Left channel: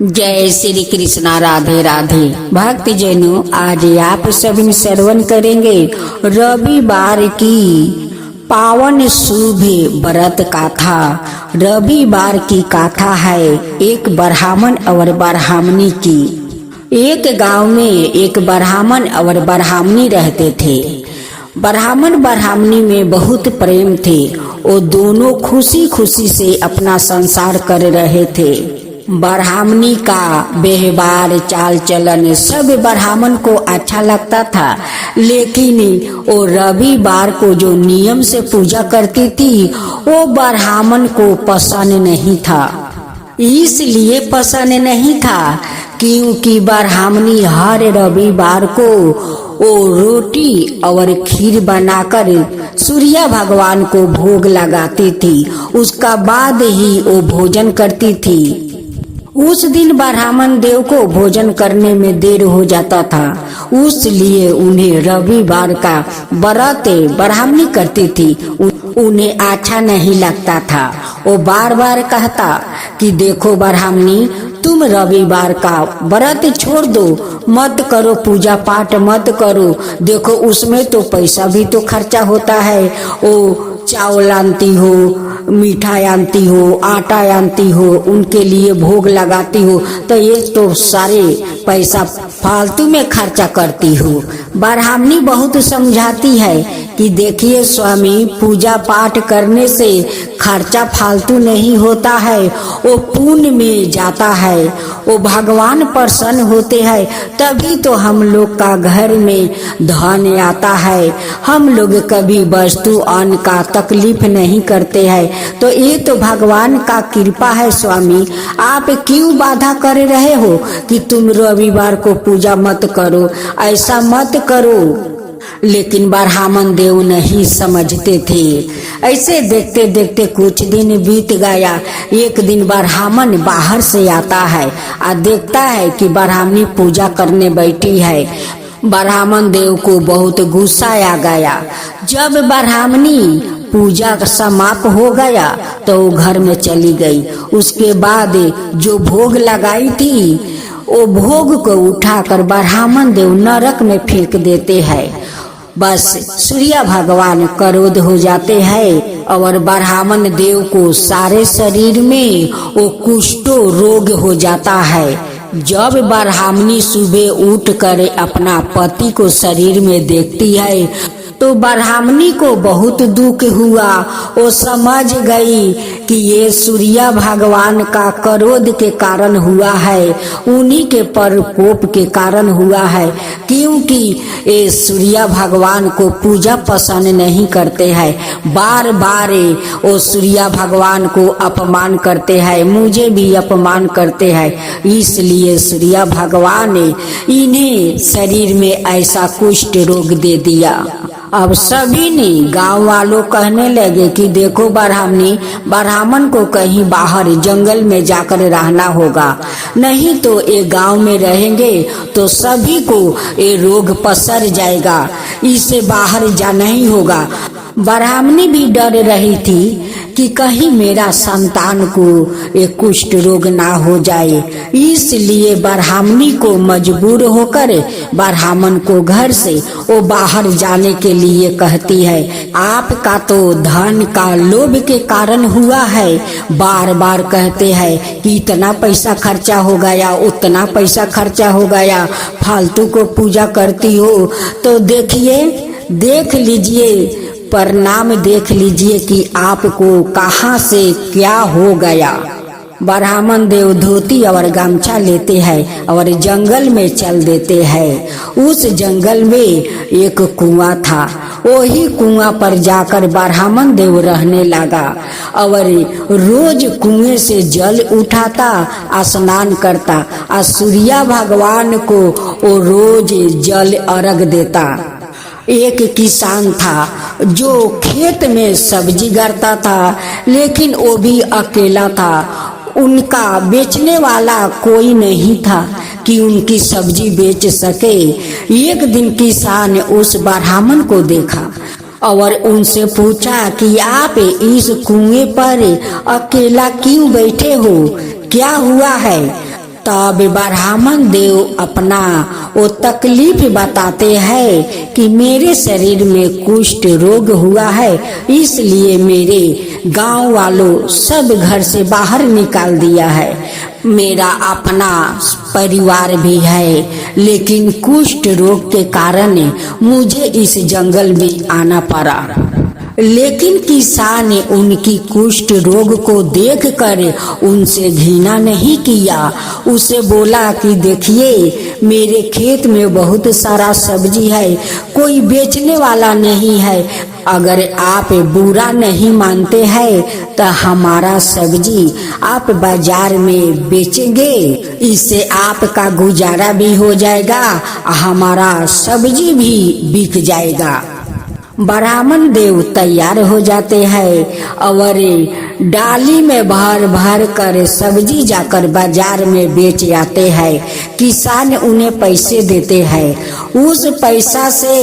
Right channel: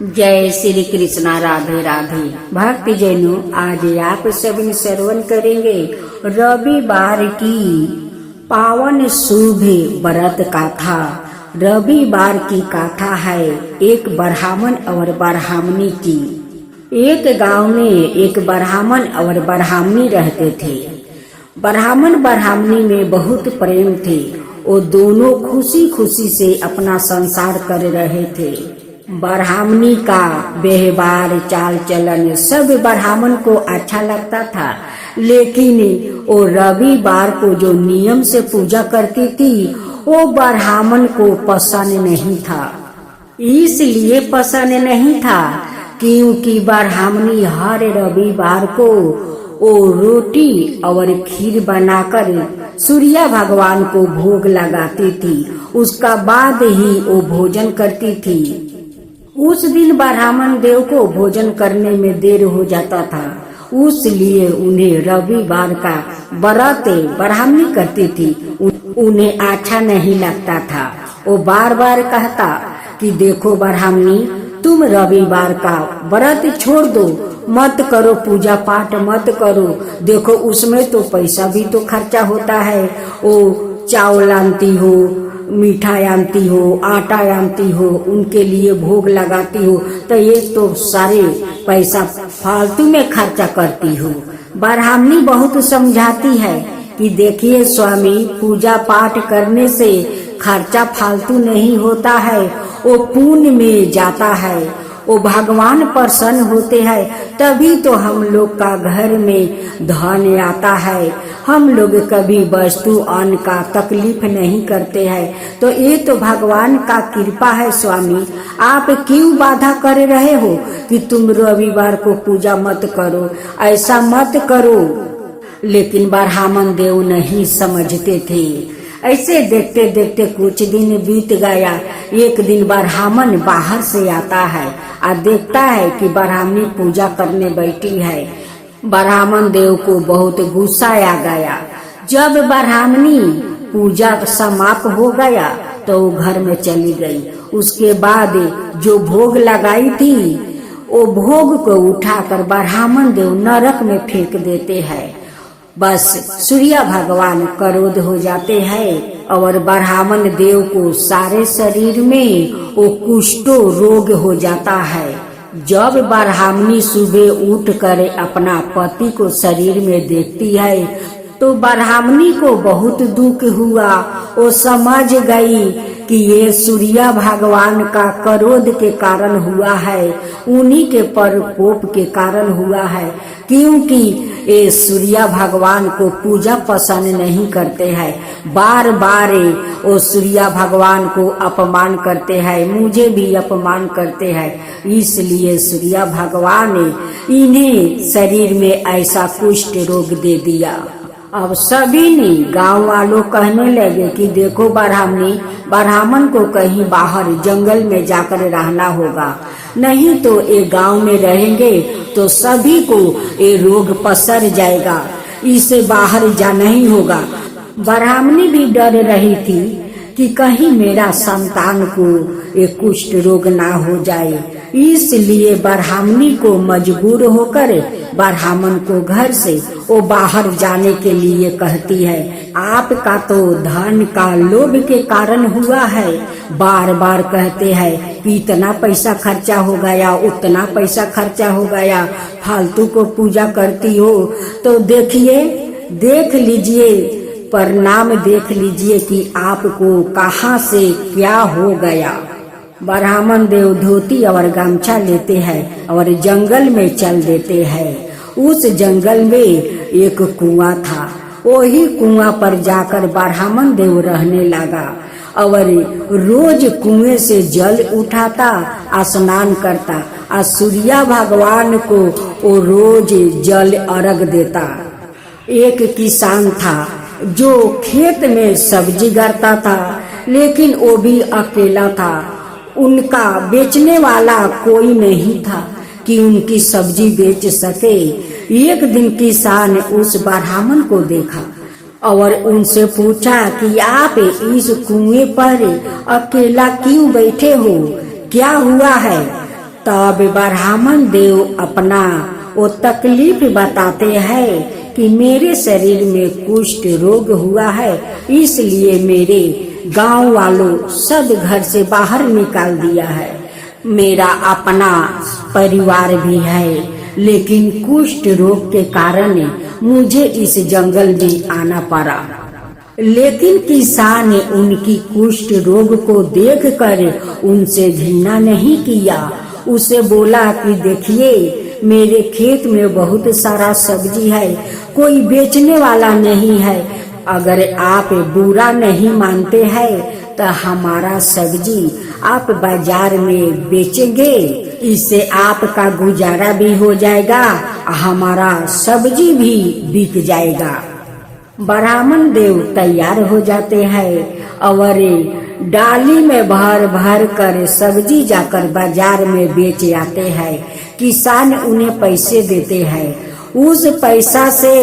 जय श्री कृष्णा। राधे राधे। भक्त जनों, आज आप सभी श्रवण करेंगे रविवार की पावन शुभ व्रत कथा। रविवार की कथा है एक ब्राह्मण और ब्राह्मणी की। एक गांव में एक ब्राह्मण और ब्राह्मणी रहते थे। ब्राह्मण ब्राह्मणी में बहुत प्रेम थे। वो दोनों खुशी खुशी से अपना संसार कर रहे थे। ब्राह्मणी का व्यवहार चाल चलन सब ब्राह्मण को अच्छा लगता था, लेकिन वो रविवार को जो नियम से पूजा करती थी वो ब्राह्मण को पसंद नहीं था। इसलिए पसंद नहीं था क्योंकि ब्राह्मणी हर रविवार को वो रोटी और खीर बनाकर सूर्य भगवान को भोग लगाती थी। उसका बाद ही वो भोजन करती थी। उस दिन ब्राह्मण देव को भोजन करने में देर हो जाता था, इसलिए उन्हें रविवार का व्रत ब्राह्मणी करती थी उन्हें अच्छा नहीं लगता था। वो बार बार कहता कि देखो ब्राह्मणी, तुम रविवार का व्रत छोड़ दो, मत करो, पूजा पाठ मत करो। देखो उसमें तो पैसा भी तो खर्चा होता है। वो चावल आनती हो, मिठाई आनती हो, आटा आनती हो, उनके लिए भोग लगाती हो, तो ये तो सारे पैसा फालतू में खर्चा करती हो। ब्राह्मणी बहुत समझाती है कि देखिए स्वामी, पूजा पाठ करने से खर्चा फालतू नहीं होता है, वो पुण्य में जाता है, वो भगवान प्रसन्न होते हैं, तभी तो हम लोग का घर में धन आता है। हम लोग कभी वस्तु अन्न का तकलीफ नहीं करते हैं, तो ये तो भगवान का कृपा है। स्वामी, आप क्यों बाधा कर रहे हो कि तुम रविवार को पूजा मत करो, ऐसा मत करो। लेकिन ब्राह्मण देव नहीं समझते थे। ऐसे देखते देखते कुछ दिन बीत गया। एक दिन ब्राह्मण बाहर से आता है और देखता है कि ब्राह्मणी पूजा करने बैठी है। ब्राह्मण देव को बहुत गुस्सा आ गया। जब ब्राह्मणी पूजा समाप्त हो गया तो वो घर में चली गई। उसके बाद जो भोग लगाई थी वो भोग को उठाकर ब्राह्मण देव नरक में फेंक देते हैं। बस सूर्य भगवान क्रोध हो जाते हैं और ब्राह्मण देव को सारे शरीर में वो कुष्ठ रोग हो जाता है। जब ब्राह्मणी सुबह उठकर अपना पति को शरीर में देखती है तो ब्राह्मणी को बहुत दुख हुआ। वो समझ गई कि ये सूर्य भगवान का क्रोध के कारण हुआ है, उन्हीं के प्रकोप के कारण हुआ है, क्योंकि ये सूर्य भगवान को पूजा पसंद नहीं करते हैं। बार बार वो सूर्य भगवान को अपमान करते हैं, मुझे भी अपमान करते हैं, इसलिए सूर्य भगवान ने इन्हें शरीर में ऐसा कुष्ठ रोग दे दिया। अब सभी ने गांव वालों कहने लगे कि देखो ब्राह्मणी, ब्राह्मण को कहीं बाहर जंगल में जाकर रहना होगा, नहीं तो ये गांव में रहेंगे तो सभी को ये रोग पसर जाएगा, इसे बाहर जाना ही होगा। ब्राह्मणी भी डर रही थी कि कहीं मेरा संतान को एक कुष्ठ रोग ना हो जाए, इसलिए ब्राह्मणी को मजबूर होकर ब्राह्मण को घर से वो बाहर जाने के लिए कहती है। आपका तो धन का लोभ के कारण हुआ है। बार बार कहते हैं कि इतना पैसा खर्चा हो गया, उतना पैसा खर्चा हो गया, फालतू को पूजा करती हो। तो देखिए, देख लीजिए, परिणाम देख लीजिए कि आपको कहाँ से क्या हो गया। ब्राह्मण देव धोती और गमछा लेते हैं और जंगल में चल देते हैं। उस जंगल में एक कुआं था। वही कुआं पर जाकर ब्राह्मण देव रहने लगा और रोज कुएं से जल उठाता, स्नान करता और सूर्य भगवान को वो रोज जल अर्घ देता। एक किसान था जो खेत में सब्जी गाड़ता था, लेकिन वो भी अकेला था। उनका बेचने वाला कोई नहीं था कि उनकी सब्जी बेच सके। एक दिन किसान उस ब्राह्मण को देखा और उनसे पूछा कि आप इस कुएं पर अकेला क्यों बैठे हो, क्या हुआ है। तब ब्राह्मण देव अपना वो तकलीफ बताते हैं कि मेरे शरीर में कुष्ठ रोग हुआ है, इसलिए मेरे गांव वालों सब घर से बाहर निकाल दिया है। मेरा अपना परिवार भी है, लेकिन कुष्ठ रोग के कारण मुझे इस जंगल में आना पड़ा। लेकिन किसान ने उनकी कुष्ठ रोग को देखकर उनसे घृणा नहीं किया। उसे बोला कि देखिए, मेरे खेत में बहुत सारा सब्जी है, कोई बेचने वाला नहीं है। अगर आप बुरा नहीं मानते हैं तो हमारा सब्जी आप बाजार में बेचेंगे, इससे आपका गुजारा भी हो जाएगा, हमारा सब्जी भी बिक जाएगा। ब्राह्मण देव तैयार हो जाते हैं और डाली में भर भर कर सब्जी जाकर बाजार में बेच आते हैं। किसान उन्हें पैसे देते हैं। उस पैसा से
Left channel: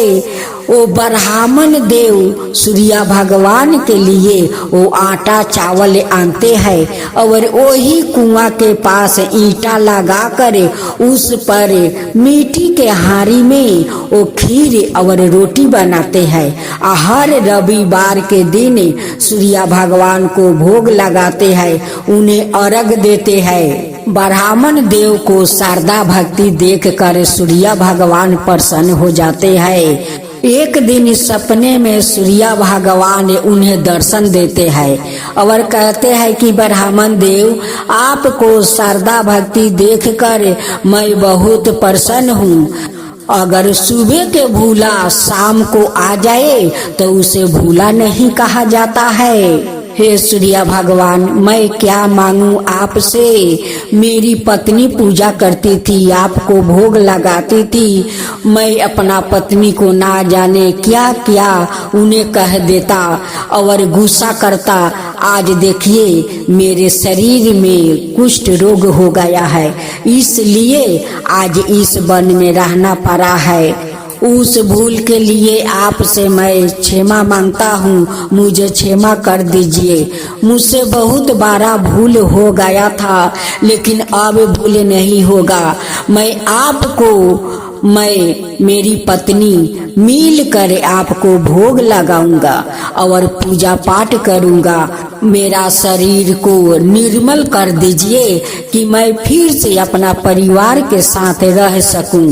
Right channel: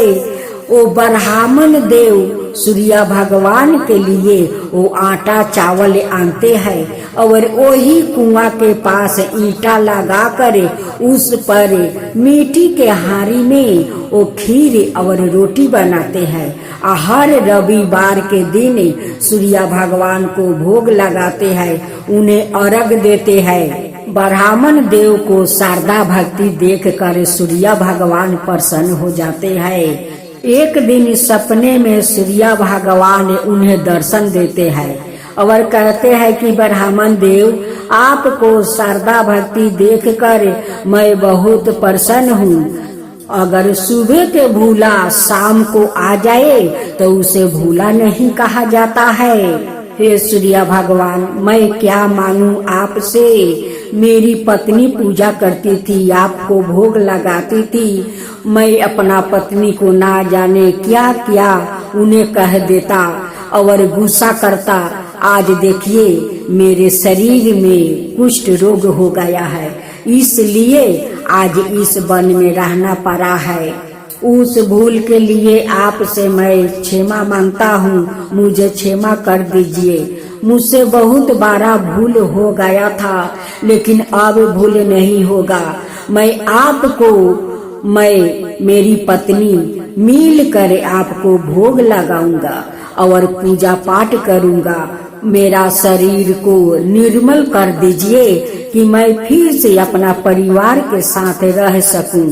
वो ब्राह्मण देव सूर्य भगवान के लिए वो आटा चावल आनते हैं और वही कुआं के पास ईंटा लगाकर उस पर मिट्टी के हांडी में वो खीर और रोटी बनाते हैं। हर रविवार के दिन सूर्य भगवान को भोग लगाते हैं, उन्हें अर्घ देते हैं। ब्राह्मण देव को शारदा भक्ति देखकर सूर्य भगवान प्रसन्न हो जाते हैं। एक दिन सपने में सूर्य भगवान उन्हें दर्शन देते हैं और कहते हैं कि ब्राह्मण देव, आपको शारदा भक्ति देखकर मैं बहुत प्रसन्न हूँ। अगर सुबह के भूला शाम को आ जाए तो उसे भूला नहीं कहा जाता है। हे सूर्य भगवान, मैं क्या मांगू आपसे? मेरी पत्नी पूजा करती थी, आपको भोग लगाती थी, मैं अपना पत्नी को ना जाने क्या क्या उन्हें कह देता और गुस्सा करता। आज देखिए, मेरे शरीर में कुष्ठ रोग हो गया है, इसलिए आज इस वन में रहना पड़ा है। उस भूल के लिए आपसे मैं क्षमा मांगता हूँ, मुझे क्षमा कर दीजिए। मुझसे बहुत बड़ा भूल हो गया था, लेकिन अब भूल नहीं होगा। मैं मेरी पत्नी मिल कर आपको भोग लगाऊंगा और पूजा पाठ करूंगा। मेरा शरीर को निर्मल कर दीजिए कि मैं फिर से अपना परिवार के साथ रह सकूं।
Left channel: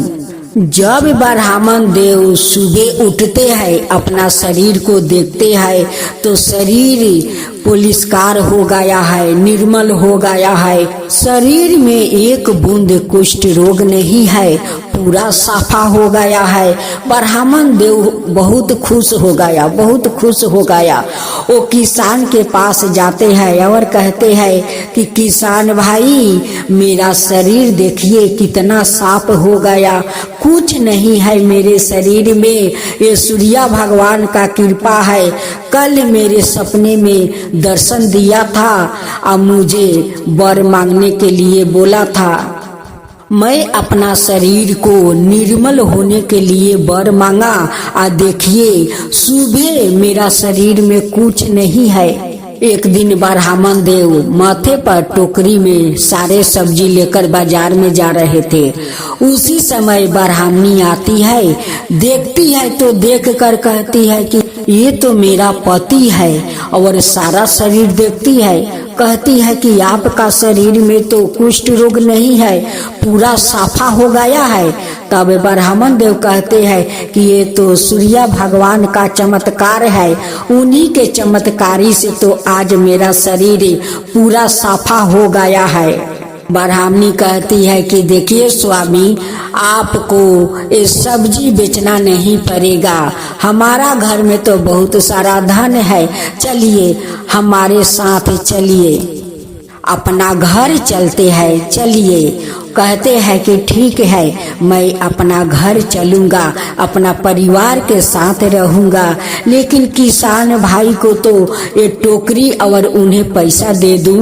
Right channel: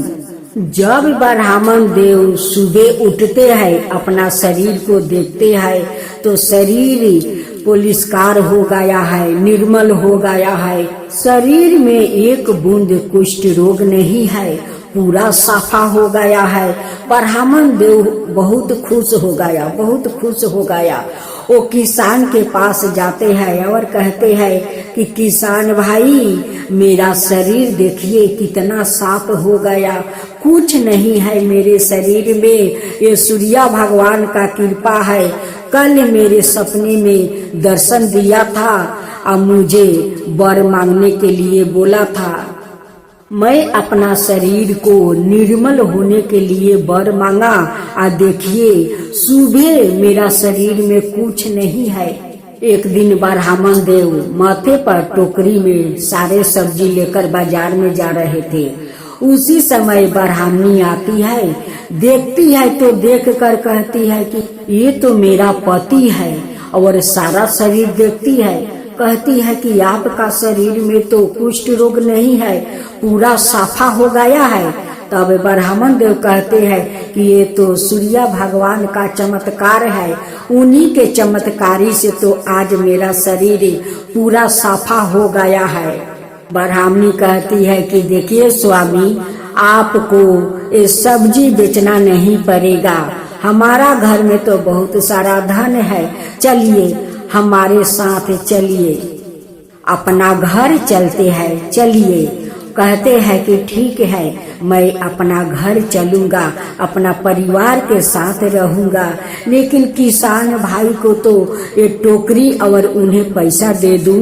जब ब्राह्मण देव सुबह उठते हैं, अपना शरीर को देखते हैं तो शरीर पुलिस्कार हो गया है, निर्मल हो गया है। शरीर में एक बूंद कुष्ठ रोग नहीं है, पूरा साफा हो गया है। ब्राह्मण देव बहुत खुश हो गया, बहुत खुश हो गया। वो किसान के पास जाते हैं और कहते हैं कि किसान भाई, मेरा शरीर देखिए कितना साफ हो गया, कुछ नहीं है मेरे शरीर में, ये सूर्य भगवान का कृपा है। कल मेरे सपने में दर्शन दिया था और मुझे वर मांगने के लिए बोला था। मैं अपना शरीर को निर्मल होने के लिए वर मांगा और देखिए, सुबह मेरा शरीर में कुछ नहीं है। एक दिन ब्राह्मण देव माथे पर टोकरी में सारे सब्जी लेकर बाजार में जा रहे थे। उसी समय ब्राह्मणी आती है, देखती है तो देखकर कहती है कि ये तो मेरा पति है, और सारा शरीर देखती है, कहती है कि आपका शरीर में तो कुष्ठ रोग नहीं है, पूरा साफा हो गया है। तब ब्राह्मण देव कहते हैं कि ये तो सूर्य भगवान का चमत्कार है, उन्हीं के चमत्कारी से तो आज मेरा शरीर पूरा साफा हो गया है। ब्राह्मणी कहती है कि देखिए स्वामी, आपको ये सब्जी बेचना नहीं पड़ेगा, हमारा घर में तो बहुत सारा धन है, चलिए हमारे साथ चलिए, अपना घर चलते हैं, चलिए। कहते हैं कि ठीक है, मैं अपना घर चलूंगा, अपना परिवार के साथ रहूंगा, लेकिन किसान भाई को तो ये टोकरी और उन्हें पैसा दे दूं।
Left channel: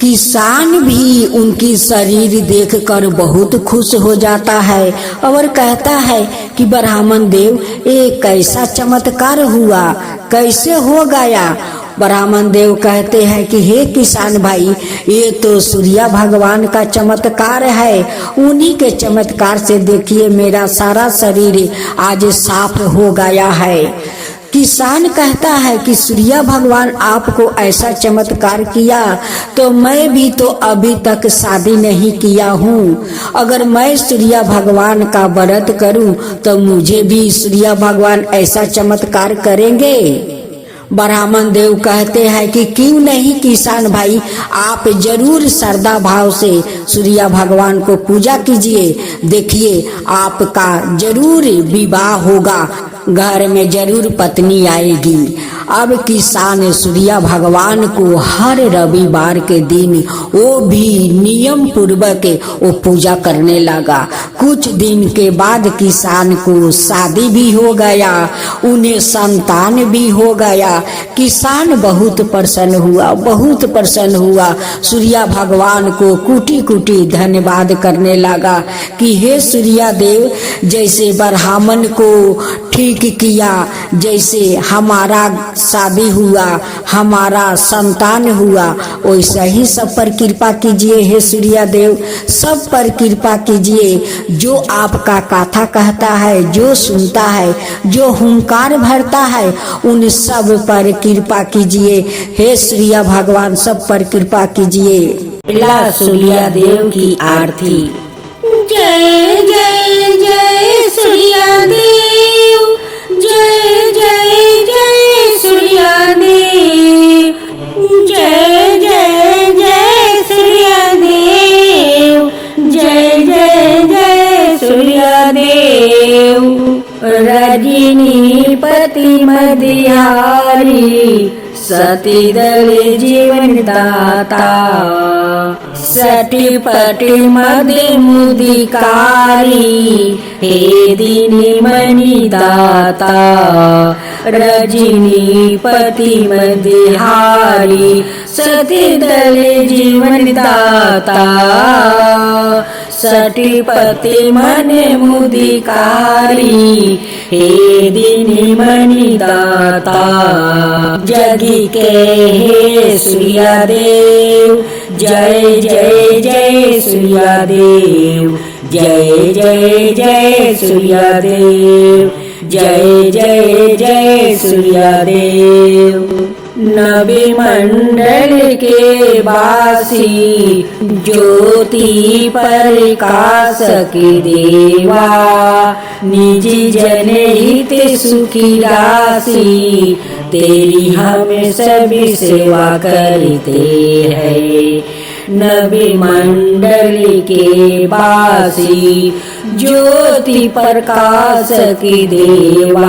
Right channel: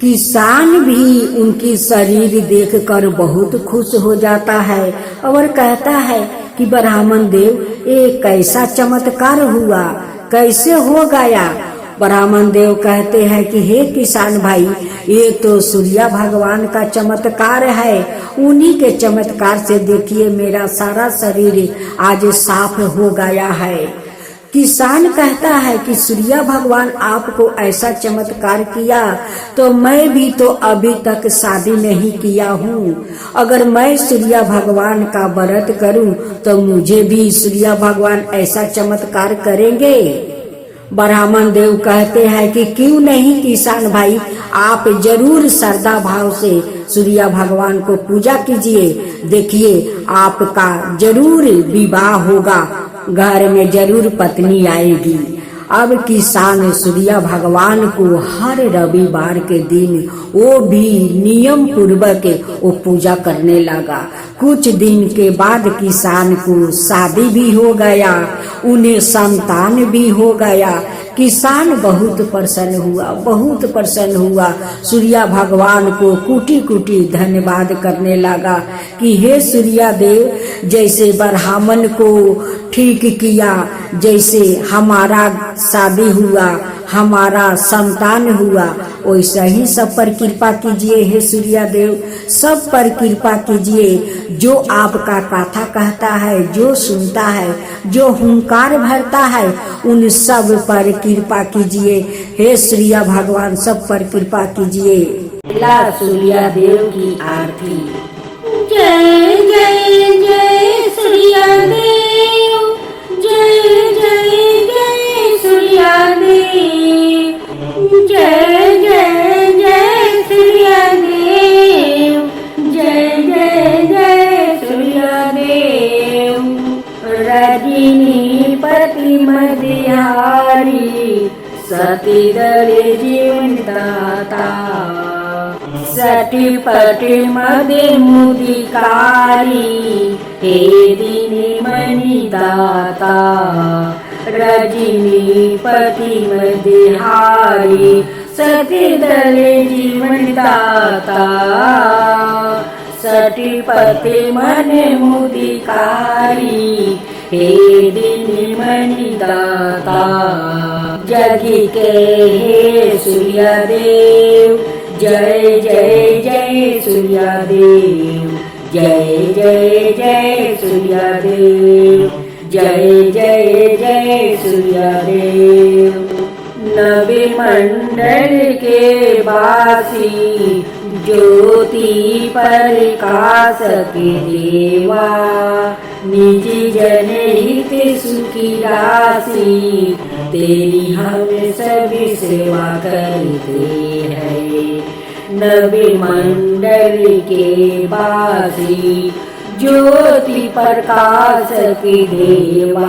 किसान भी उनकी शरीर देखकर बहुत खुश हो जाता है और कहता है कि ब्राह्मण देव, ये कैसा चमत्कार हुआ, कैसे हो गया? ब्राह्मण देव कहते हैं कि हे किसान भाई, ये तो सूर्य भगवान का चमत्कार है। उन्हीं के चमत्कार से देखिए मेरा सारा शरीर आज साफ हो गया है। किसान कहता है कि सूर्य भगवान आपको ऐसा चमत्कार किया तो मैं भी तो अभी तक शादी नहीं किया हूँ। अगर मैं सूर्य भगवान का व्रत करूँ तो मुझे भी सूर्य भगवान ऐसा चमत्कार करेंगे। ब्राह्मण देव कहते हैं कि क्यों नहीं किसान भाई, आप जरूर श्रद्धा भाव से सूर्य भगवान को पूजा कीजिए। देखिए आपका जरूर विवाह होगा, घर में जरूर पत्नी आएगी। अब किसान सूर्य भगवान को हर रविवार के दिन वो भी नियम पूर्वक वो पूजा करने लगा। कुछ दिन के बाद किसान को शादी भी हो गया, उन्हें संतान भी हो गया। किसान बहुत प्रसन्न हुआ। सूर्य भगवान को कुटी कुटी धन्यवाद करने लगा कि हे सूर्य देव, जैसे ब्राह्मण को ठीक किया, जैसे हमारा शादी हुआ, हमारा संतान हुआ, वैसा ही सब पर कृपा कीजिए। हे सूर्य देव, सब पर कृपा कीजिए। जो आपका कथा कहता है, जो सुनता है, जो हुंकार भरता है, उन सब पर कृपा कीजिए। हे सूर्य भगवान, सब पर कृपा कीजिए। सूर्य देव की आरती। जय जय जय सूर्य देव, जय जय जय सूर्य देव, जय जय जय सूर्य देव, जय जय जय सूर्य देव। रजनी पति मदिहारी, सती दल जीवन दाता, सटी पटी मदे मुदिकारी, हे दीनी मणि दाता। रजनी पति मदिहारी, सती दल जीवन दाता, सटी पति मन मुदिकारी, हे दीनी मणि दाता। जगी के हे सूर्य देव, जय जय जय सूर्य देव, जय जय जय सूर्य देव, जय जय जय सूर्य देव। नवी मंडल के वासी, ज्योति प्रकाश के देवा, निजी जनहित सुखी राशि, तेरी हम सभी सेवा करते हैं। नवी मंडल के वासी, ज्योति प्रकाश की देवा,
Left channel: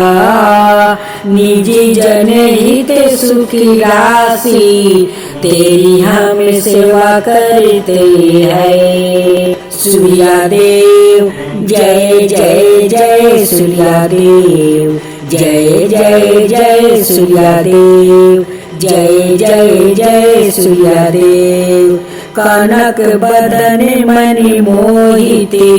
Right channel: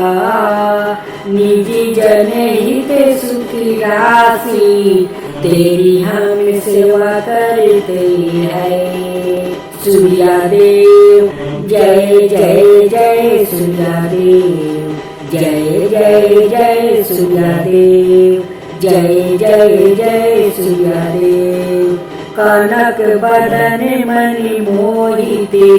निजी जनहित सुखी राशि, तेरी हम सेवा करते हैं। सूर्य देव, जय जय जय सूर्य देव, जय जय जय सूर्य देव, जय जय जय सूर्य देव। कनक बदन मणि मोहिते,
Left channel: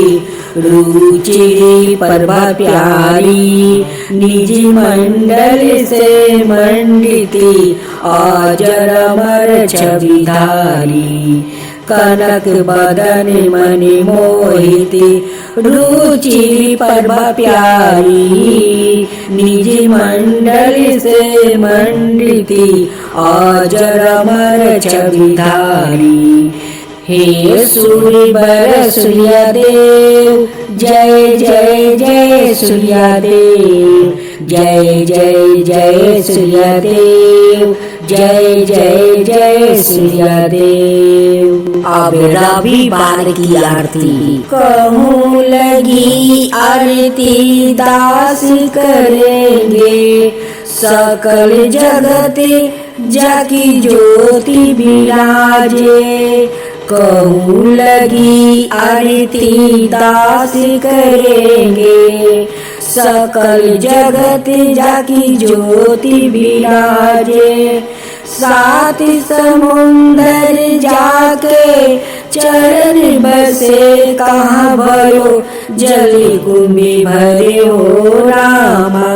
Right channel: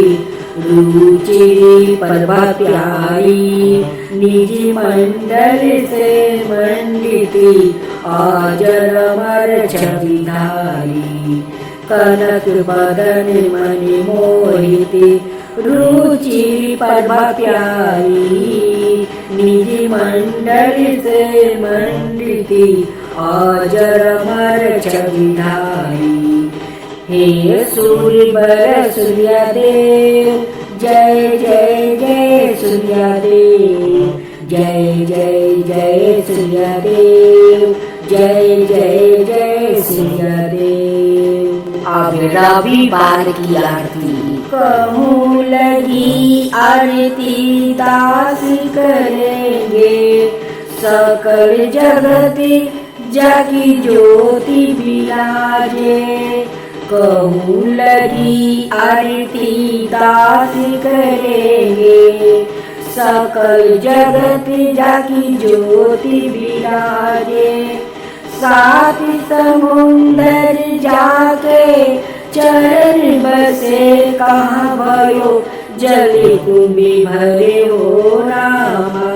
रुचि पर्व प्यारी, निजी मंडल से मंडिती, अजर अमर छवि धारी। कनक बदन मणि मोहिते, रुचि पर्व प्यारी, निजी मंडल से मंडिती, अजर अमर छवि धारी। हे सूर्य सूर्य देव, जय जय जय सूर्य देव, जय जय जय सूर्य देव, जय जय जय सूर्य देव। अब रविवार की आरती। कहूँ लगी आरती दास करेंगे, सकल जगत जाकी ज्योति विराजे। कहूँ लगी आरती दास करेंगे, सकल जगत जाकी ज्योति विराजे। सात समुंदर जाके चरण बसे, कहाँ भयो जल कुंभी भरे हो रामा।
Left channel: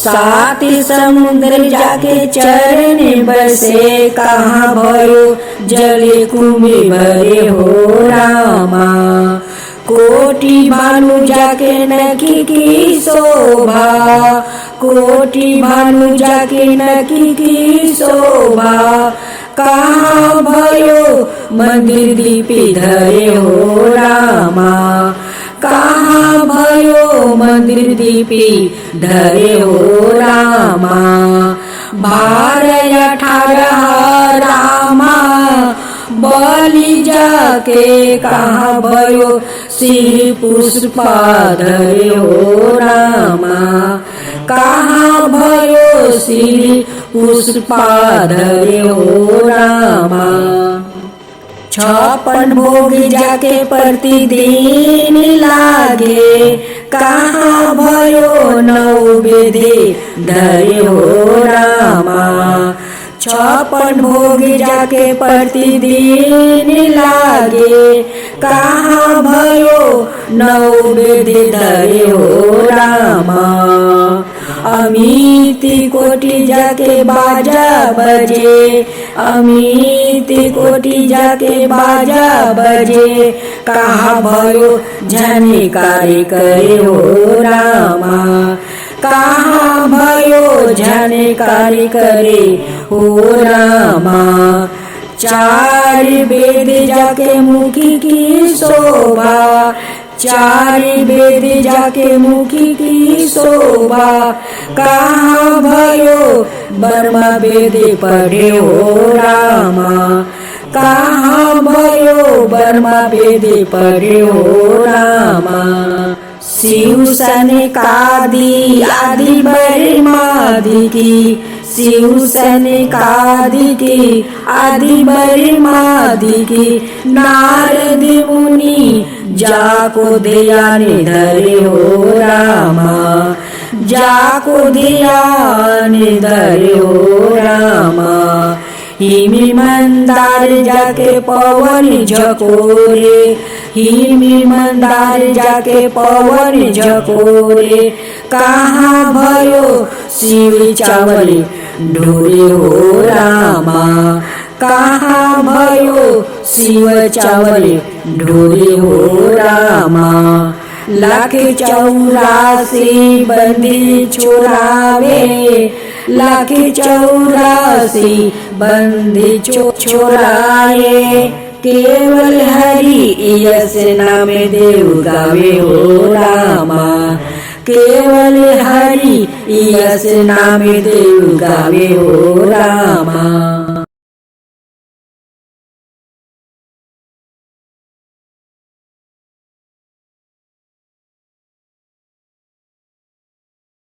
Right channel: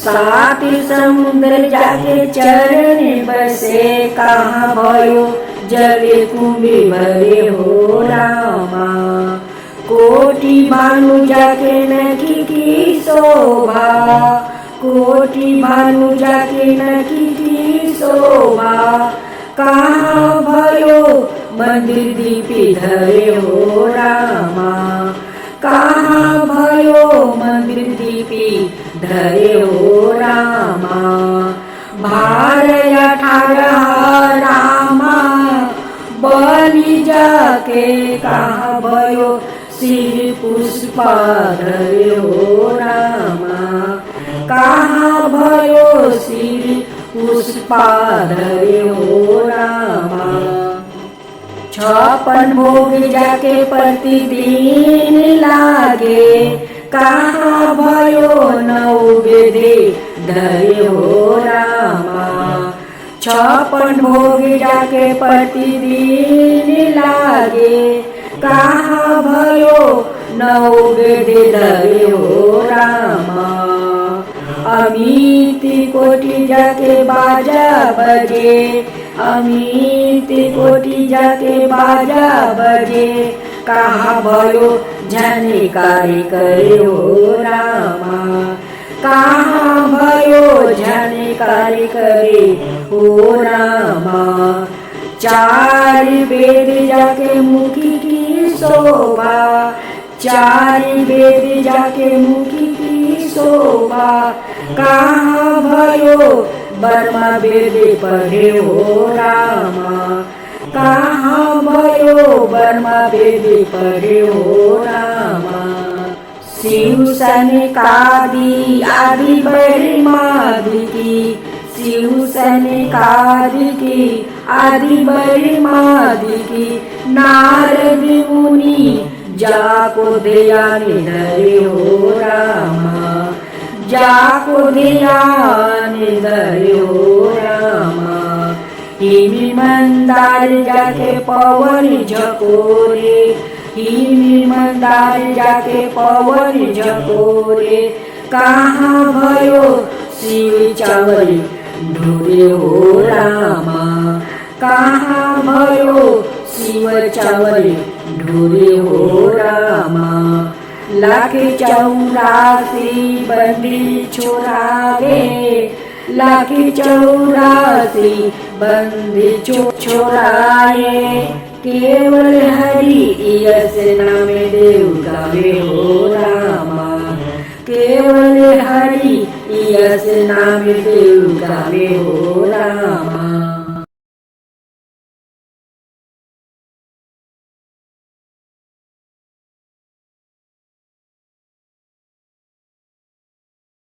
सात समुद्र जाके चरण बसे, कहाँ भयो जले कुंभी भरे हो रामा। कोटि भानु जाके नखी की शोभा, कोटि भानु जाके नखी की शोभा। कहाँ भयो मंदिर दीपी धरे हो रामा, कहाँ भयो मंदिर दीपी धरे हो रामा। 12-18 रामा बलि जाके, कहाँ भयो सिंह पुष्पा धरे हो रामा, कहाँ भयो सिंह पुष्पा धरे हो रामा। 56 भोग जाके प्रतिदिन लागे, कहाँ भयो 9 बेदे धरे हो रामा। 56 भोग जाके प्रतिदिन लागे, कहाँ भयो 9 बेदे धरे हो रामा। अमित कोटि जाके बाजा बजे, अमित कोटि जाके बाजा बजे। कहाँ भयो जाने कार्य करे हो रामा, कहाँ भयो जाने कार्य करे हो रामा। 4 वेद जाके मुखी की शोभा, 4 वेद जाके मुखी की शोभा। कहाँ भयो बर्मा वेद पढ़े हो रामा, कहाँ भयो बर्मा वेद पढ़े हो रामा। शिव सनकादि आदि बर्मादि की, शिव सनकादि की आदि बर्मादि की। नारद मुनि जाको ध्यान धरे हो रामा, जाको ध्यान धरे हो रामा। हिमी मंदार जाके पवन झकोरे, हिमी मंदार जाके पवन झकोरे। कहाँ भयो शिव चावल ढोरे हो रामा, कहाँ भयो शिव चावल ढोरे हो रामा। 184 बंदी छोरावे, 184 बंदी छोराए। केवल हरि यस नाम देव गावे हो रामा, केवल हरि यस नाम देव गावे हो रामा।